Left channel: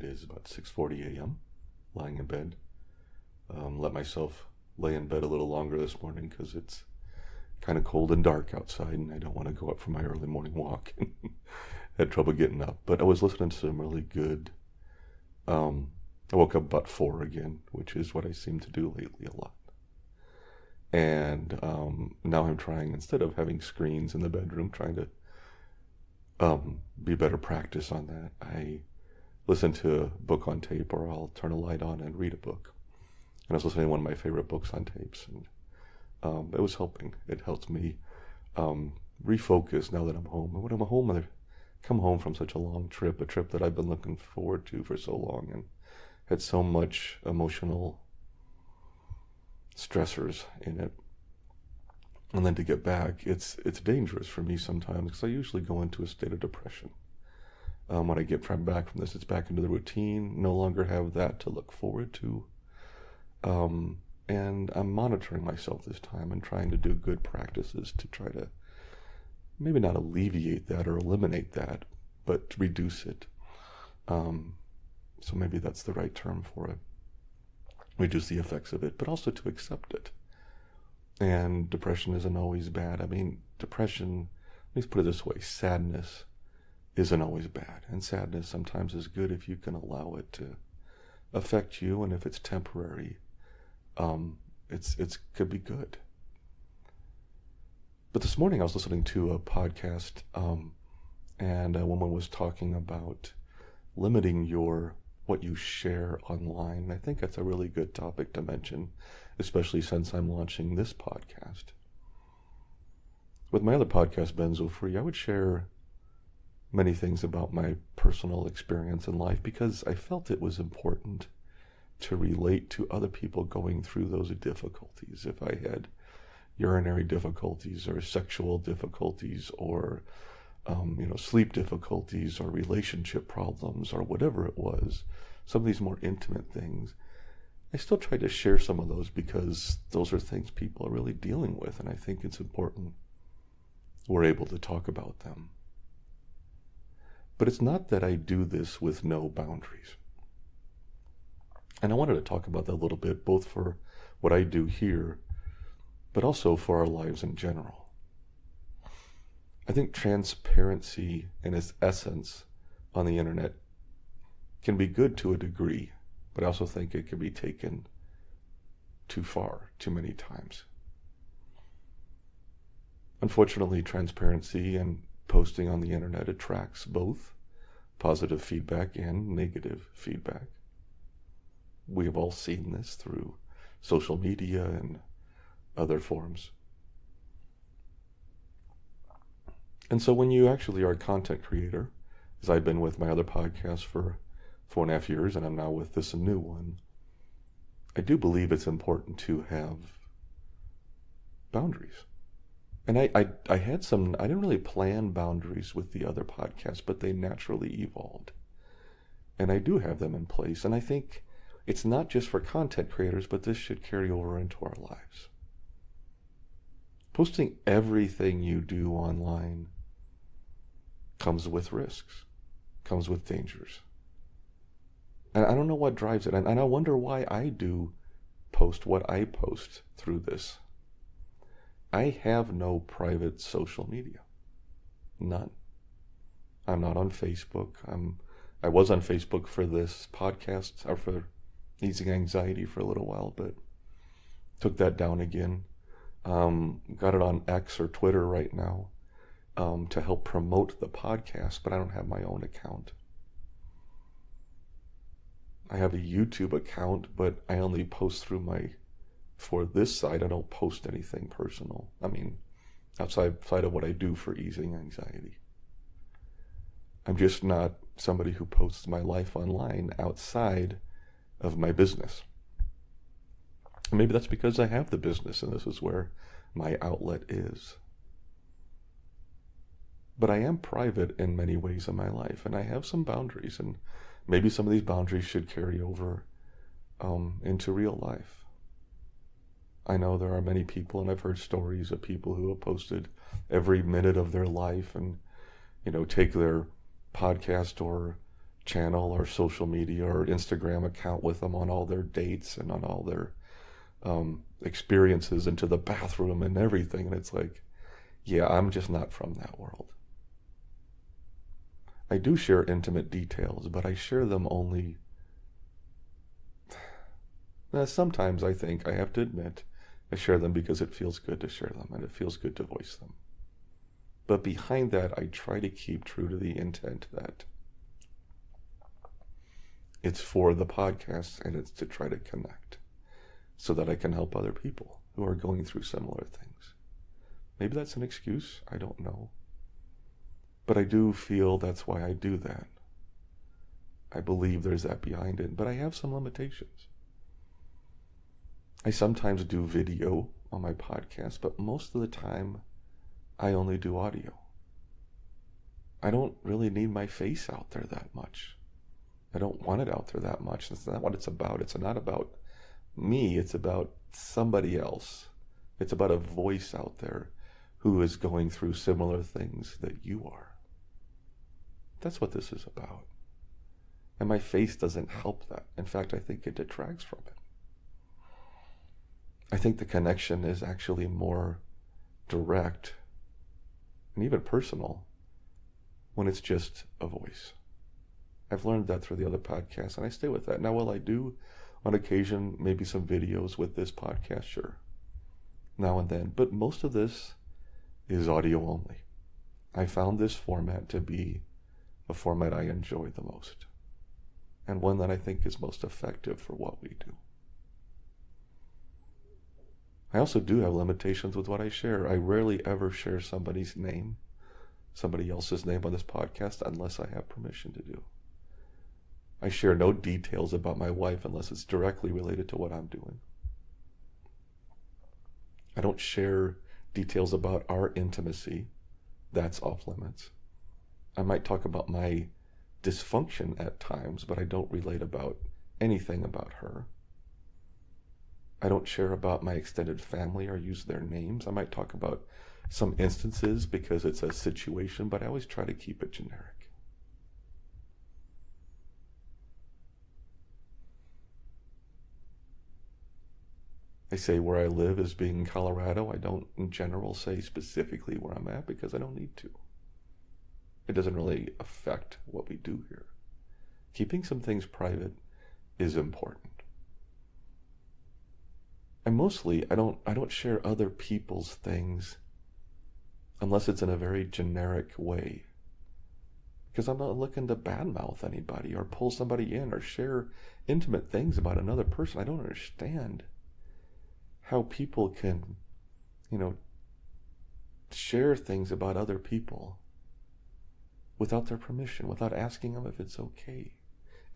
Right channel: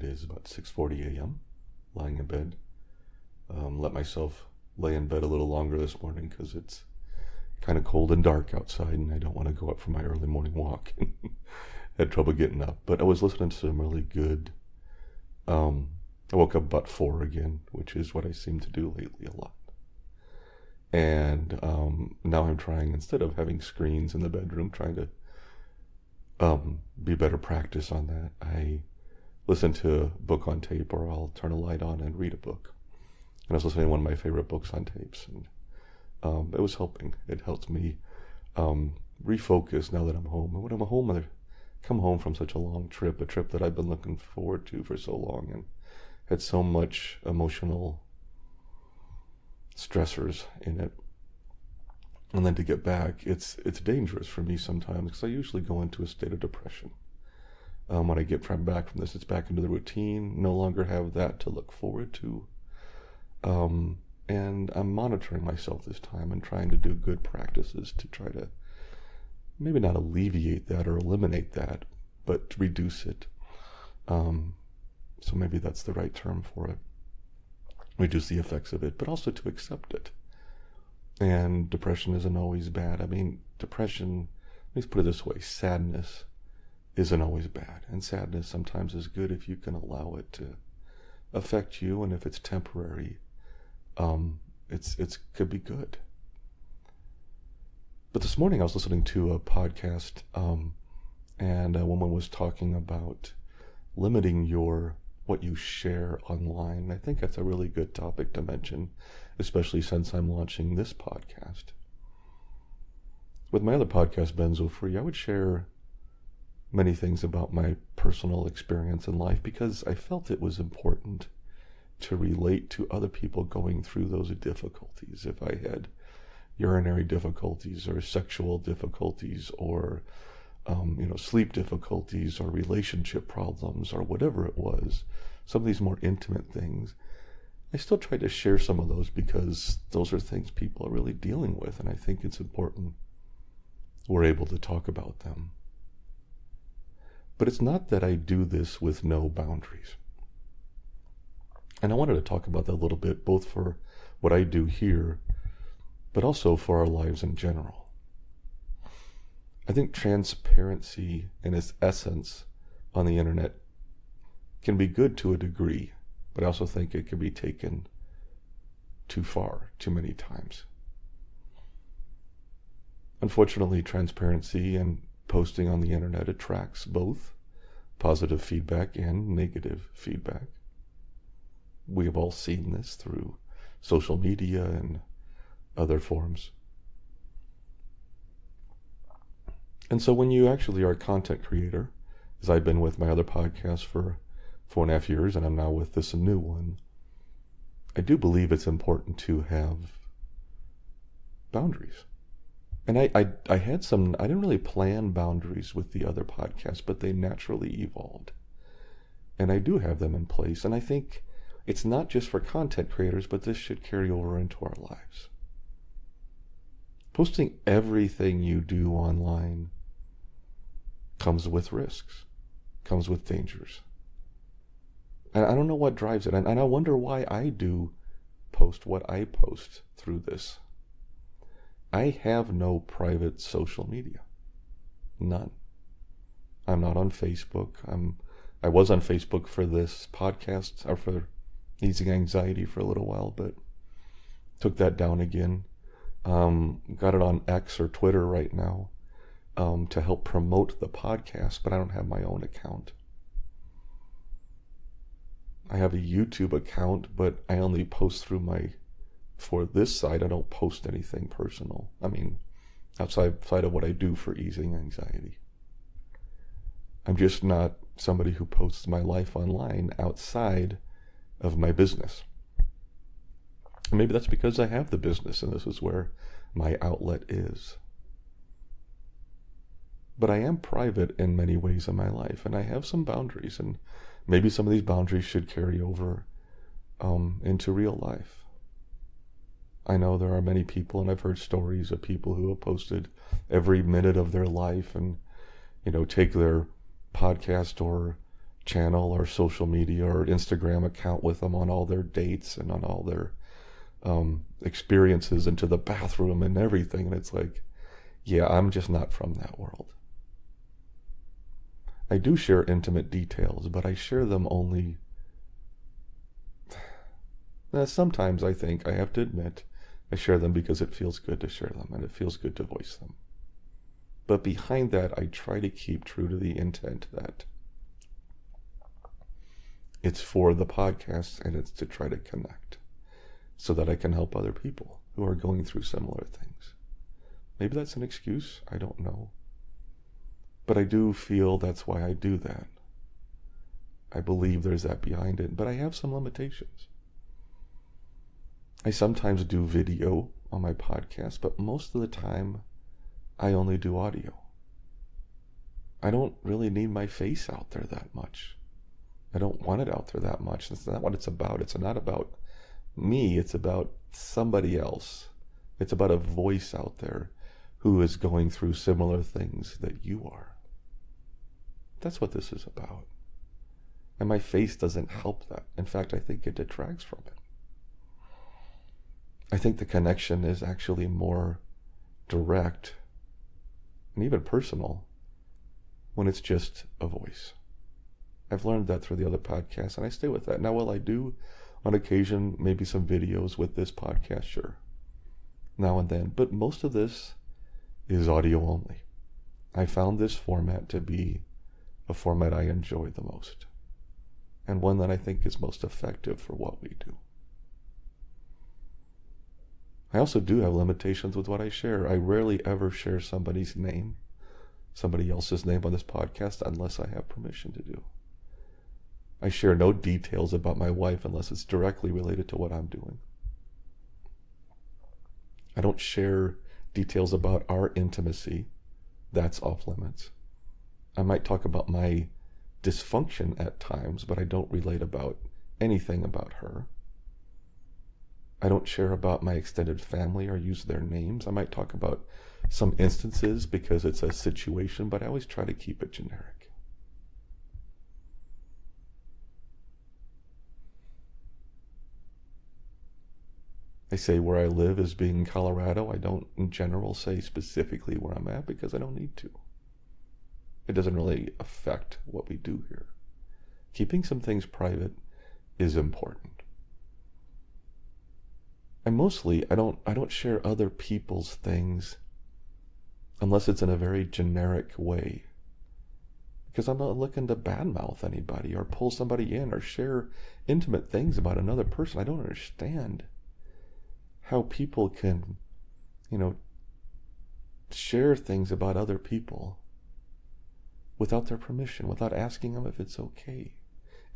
It is about 6:40 a.m., lying in bed. Let myself lay in bed a little longer this morning because it's kind of cold and dark outside and I don't want to go up for my early morning walk. Had trouble getting up, but I was listening to some really good, I woke up about 4 again, which is what I seem to do lately a lot. And now I'm trying, instead of having screens in the bedroom, trying to be better practice on that. I listen to a book on tape, or I'll turn a light on and read a book. And I was listening to one of my favorite books on tapes, and it was helping. It helped me refocus now that I'm home. And when I'm home, I come home from such a long trip, a trip that I've been looking forward to for so long, and had so much emotional stressors in it. And then to get back, it's dangerous for me sometimes, because I usually go into a state of depression. When I get back from this, it's back into the routine, no longer have that to look forward to. And I'm monitoring myself this time and trying to do good practices to try to maybe not alleviate that or eliminate that, but to reduce it. So maybe that's the right term for it. Reduce the effects of it, but also to accept it. And depression isn't always bad. I mean, depression, let's put it this way, sadness isn't always bad. And sadness sometimes is good if you can allow it to affect you, and if it's temporary, it's could be good. But this morning I was listening to a podcast, and a woman was talking about limiting what you share online. And I think that's a really good topic to mention, especially since I'm launching this podcast. With my other podcast, Benzo Free, I would share many things about my personal experience in life because I felt it was important to relate to other people going through those difficulties. If I had urinary difficulties or sexual difficulties or sleep difficulties or relationship problems or whatever it was, some of these more intimate things, I still try to share some of those because those are things people are really dealing with, and I think it's important we're able to talk about them. But it's not that I do this with no boundaries. And I wanted to talk about that a little bit, both for what I do here, but also for our lives in general. I think transparency in its essence on the internet can be good to a degree, but I also think it can be taken too far, too many times. Unfortunately, transparency and posting on the internet attracts both positive feedback and negative feedback. We have all seen this through social media and other forms. And so when you actually are a content creator, as I've been with my other podcast for 4.5 years, and I'm now with this new one, I do believe it's important to have boundaries. And I had some, I didn't really plan boundaries with the other podcasts, but they naturally evolved. And I do have them in place, and I think it's not just for content creators, but this should carry over into our lives. Posting everything you do online comes with risks, comes with dangers. And I don't know what drives it. And I wonder why I do post what I post through this. I have no private social media. None. I'm not on Facebook. I was on Facebook for this podcast, or for Easing Anxiety for a little while, but took that down again. Got it on X or Twitter right now to help promote the podcast, but I don't have my own account. I have a YouTube account, but I only post through for this site, I don't post anything personal. I mean, outside of what I do for Easing Anxiety. I'm just not somebody who posts my life online outside of my business. Maybe that's because I have the business and this is where my outlet is. But I am private in many ways in my life, and I have some boundaries, and maybe some of these boundaries should carry over into real life. I know there are many people, and I've heard stories of people who have posted every minute of their life and, take their podcast or channel or social media or Instagram account with them on all their dates and on all their experiences into the bathroom and everything. And it's like, yeah, I'm just not from that world. I do share intimate details, but I share them only. Sometimes I think, I have to admit, I share them because it feels good to share them and it feels good to voice them. But behind that, I try to keep true to the intent that it's for the podcast and it's to try to connect so that I can help other people who are going through similar things. Maybe that's an excuse, I don't know. But I do feel that's why I do that. I believe there's that behind it, but I have some limitations. I sometimes do video on my podcast, but most of the time I only do audio. I don't really need my face out there that much. I don't want it out there that much. That's not what it's about. It's not about me. It's about somebody else. It's about a voice out there who is going through similar things that you are. That's what this is about. And my face doesn't help that. In fact, I think it detracts from it. I think the connection is actually more direct and even personal when it's just a voice. I've learned that through the other podcasts, and I stay with that. Now, will I do on occasion maybe some videos with this podcast? Sure. Now and then. But most of this is audio only. I found this format to be a format I enjoy the most, and one that I think is most effective for what we do. I also do have limitations with what I share. I rarely ever share somebody's name, somebody else's name on this podcast unless I have permission to do. I share no details about my wife unless it's directly related to what I'm doing. I don't share details about our intimacy. That's off limits. I might talk about my dysfunction at times, but I don't relate about anything about her. I don't share about my extended family or use their names. I might talk about some instances because it's a situation, but I always try to keep it generic. I say where I live is being Colorado. I don't in general say specifically where I'm at because I don't need to. It doesn't really affect what we do here. Keeping some things private is important. And mostly, I don't share other people's things unless it's in a very generic way. Because I'm not looking to badmouth anybody or pull somebody in or share intimate things about another person. I don't understand how people can, share things about other people without their permission, without asking them if it's okay,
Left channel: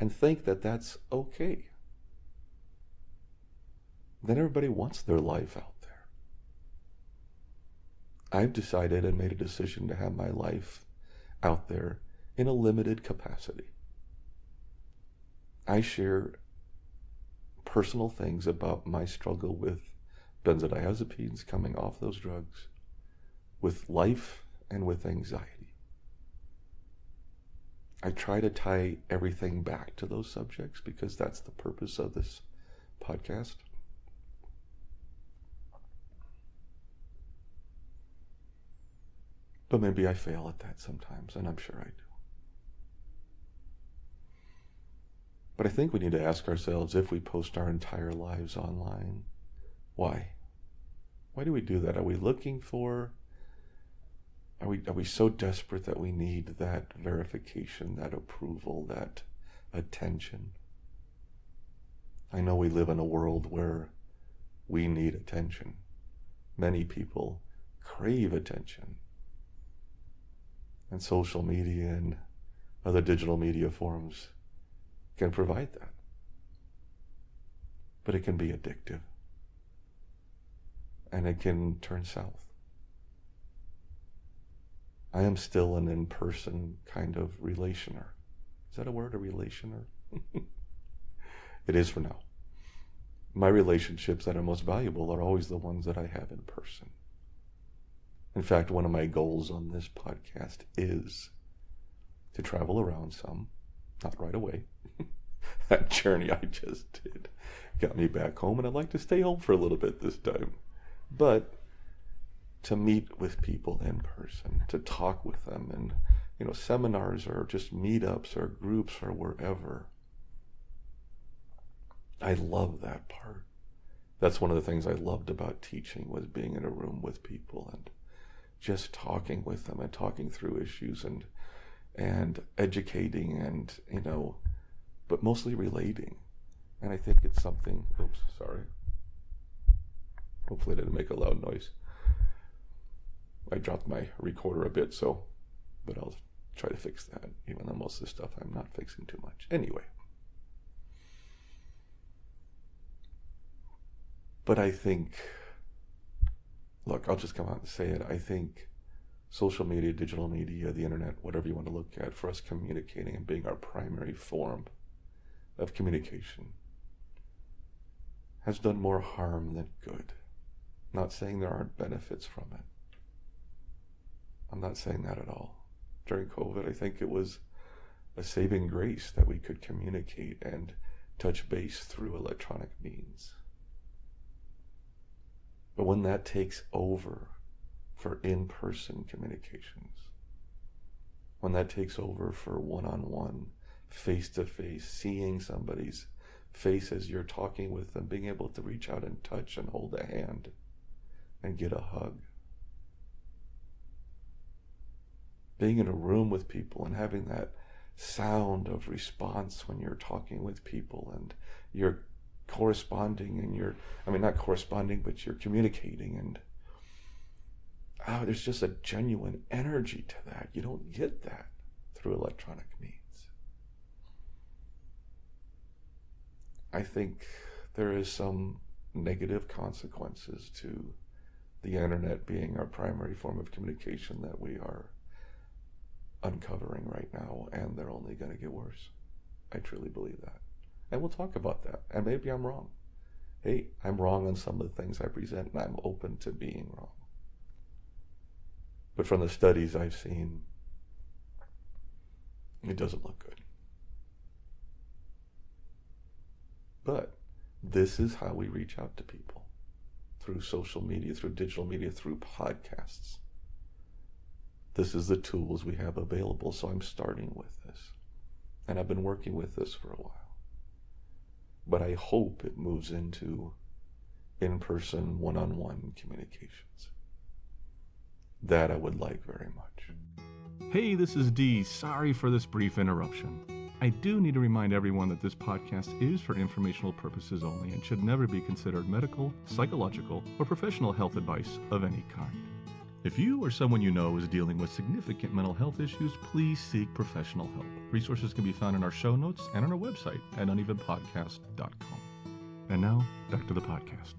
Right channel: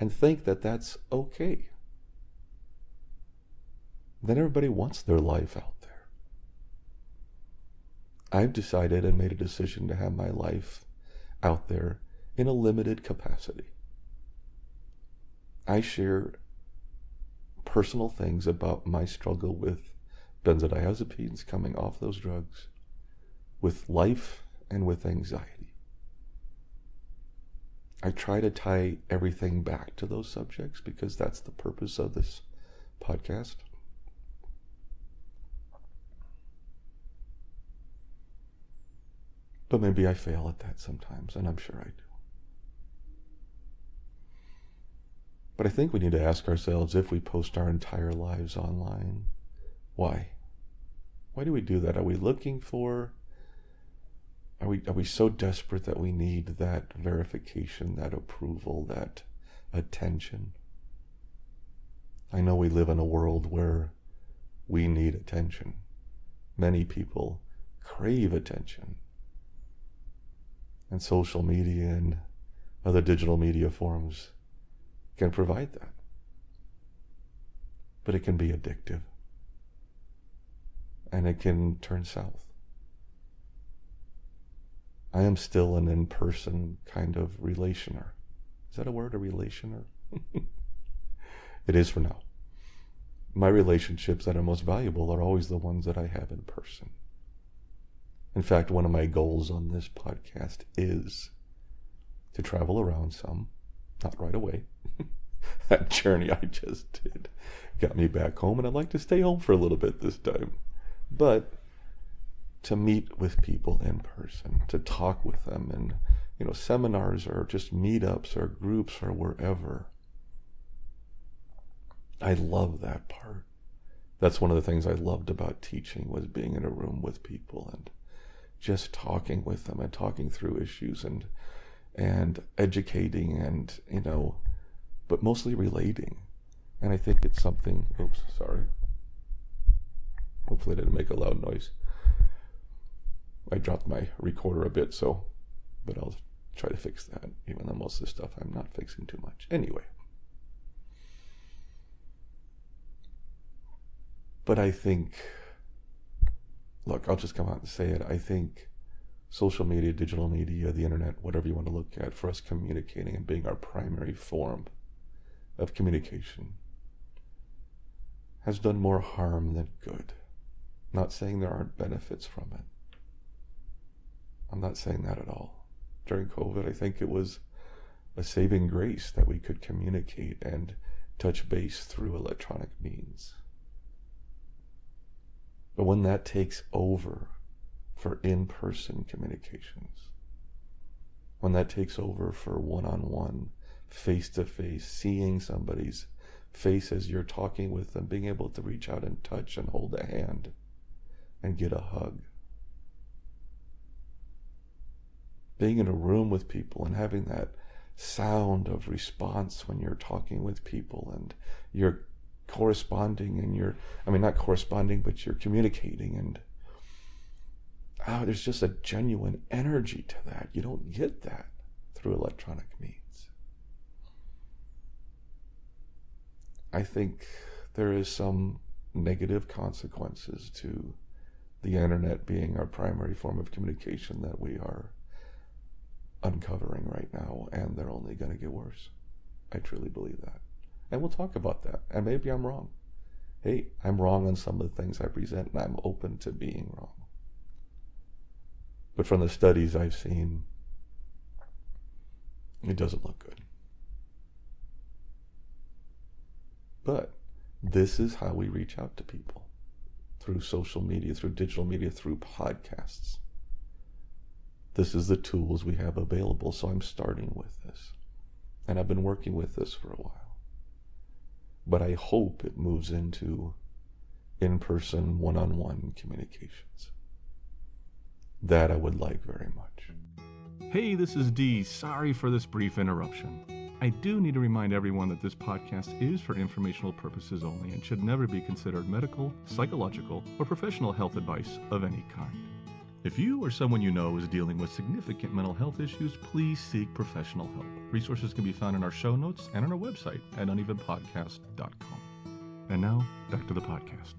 and think that that's okay. Then everybody wants their life out there. I've decided and made a decision to have my life out there in a limited capacity. I share personal things about my struggle with benzodiazepines, coming off those drugs, with life and with anxiety. I try to tie everything back to those subjects because that's the purpose of this podcast. But maybe I fail at that sometimes, and I'm sure I do. But I think we need to ask ourselves, if we post our entire lives online, why? Why do we do that? Are we looking for, are we so desperate that we need that verification, that approval, that attention? I know we live in a world where we need attention. Many people crave attention. And social media and other digital media forms can provide that. But it can be addictive. And it can turn south. I am still an in-person kind of relationer. Is that a word, a relationer? It is for now. My relationships that are most valuable are always the ones that I have in person. In fact, one of my goals on this podcast is to travel around some Not right away. That journey I just did got me back home, and I'd like to stay home for a little bit this time. But to meet with people in person, to talk with them, and seminars or just meetups or groups or wherever. I love that part. That's one of the things I loved about teaching, was being in a room with people and just talking with them and talking through issues and educating and, but mostly relating. And I think it's something, hopefully I didn't make a loud noise. I dropped my recorder a bit, but I'll try to fix that, even though most of the stuff I'm not fixing too much. Anyway. But I think, look, I'll just come out and say it. I think social media, digital media, the internet, whatever you want to look at, for us communicating and being our primary form of communication, has done more harm than good. Not saying there aren't benefits from it. I'm not saying that at all. During COVID, I think it was a saving grace that we could communicate and touch base through electronic means. But when that takes over for in-person communications, when that takes over for one-on-one, face-to-face, seeing somebody's face as you're talking with them, being able to reach out and touch and hold a hand and get a hug, being in a room with people and having that sound of response when you're talking with people and you're corresponding and not corresponding, but you're communicating, and there's just a genuine energy to that. You don't get that through electronic means. I think there is some negative consequences to the internet being our primary form of communication that we are uncovering right now, and they're only going to get worse. I truly believe that. And we'll talk about that. And maybe I'm wrong. Hey, I'm wrong on some of the things I present, and I'm open to being wrong. But from the studies I've seen, it doesn't look good. But this is how we reach out to people. Through social media, through digital media, through podcasts. This is the tools we have available, so I'm starting with this. And I've been working with this for a while. But I hope it moves into in-person, one-on-one communications. That I would like very much. Hey, this is Dee. Sorry for this brief interruption. I do need to remind everyone that this podcast is for informational purposes only and should never be considered medical, psychological, or professional health advice of any kind. If you or someone you know is dealing with significant mental health issues, please seek professional help. Resources can be found in our show notes and on our website at unevenpodcast.com. And now, back to the podcast.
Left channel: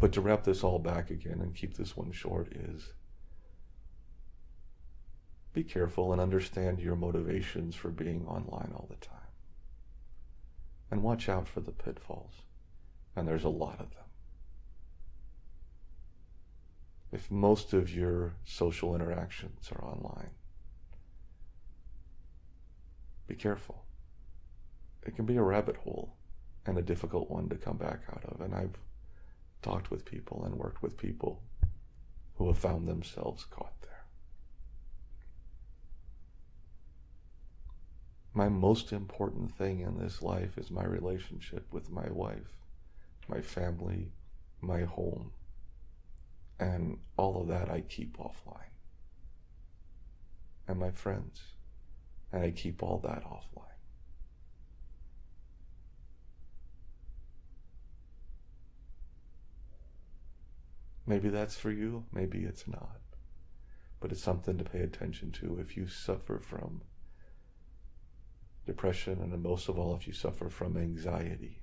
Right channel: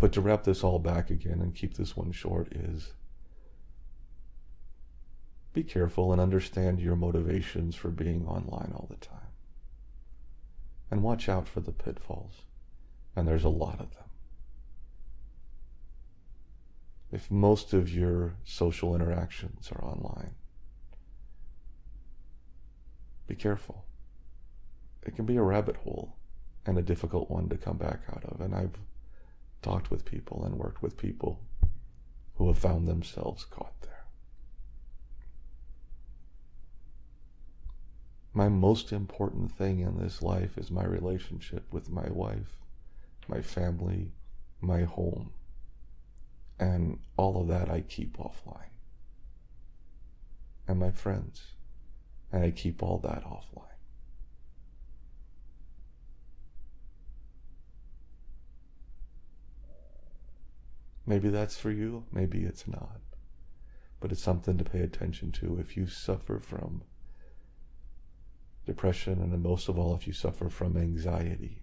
But to wrap this all back again and keep this one short is, be careful and understand your motivations for being online all the time. And watch out for the pitfalls. And there's a lot of them. If most of your social interactions are online, be careful. It can be a rabbit hole and a difficult one to come back out of. And I've talked with people and worked with people who have found themselves caught there. My most important thing in this life is my relationship with my wife, my family, my home. And all of that I keep offline. And my friends. And I keep all that offline. Maybe that's for you, maybe it's not. But it's something to pay attention to if you suffer from depression, and most of all if you suffer from anxiety.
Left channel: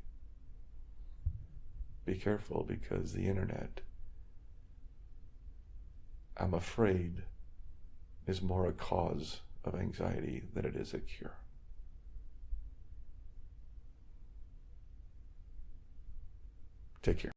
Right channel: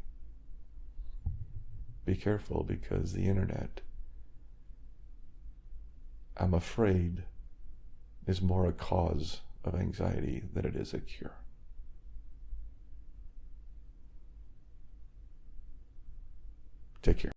Be careful, because the internet, I'm afraid, is more a cause of anxiety than it is a cure. Take care.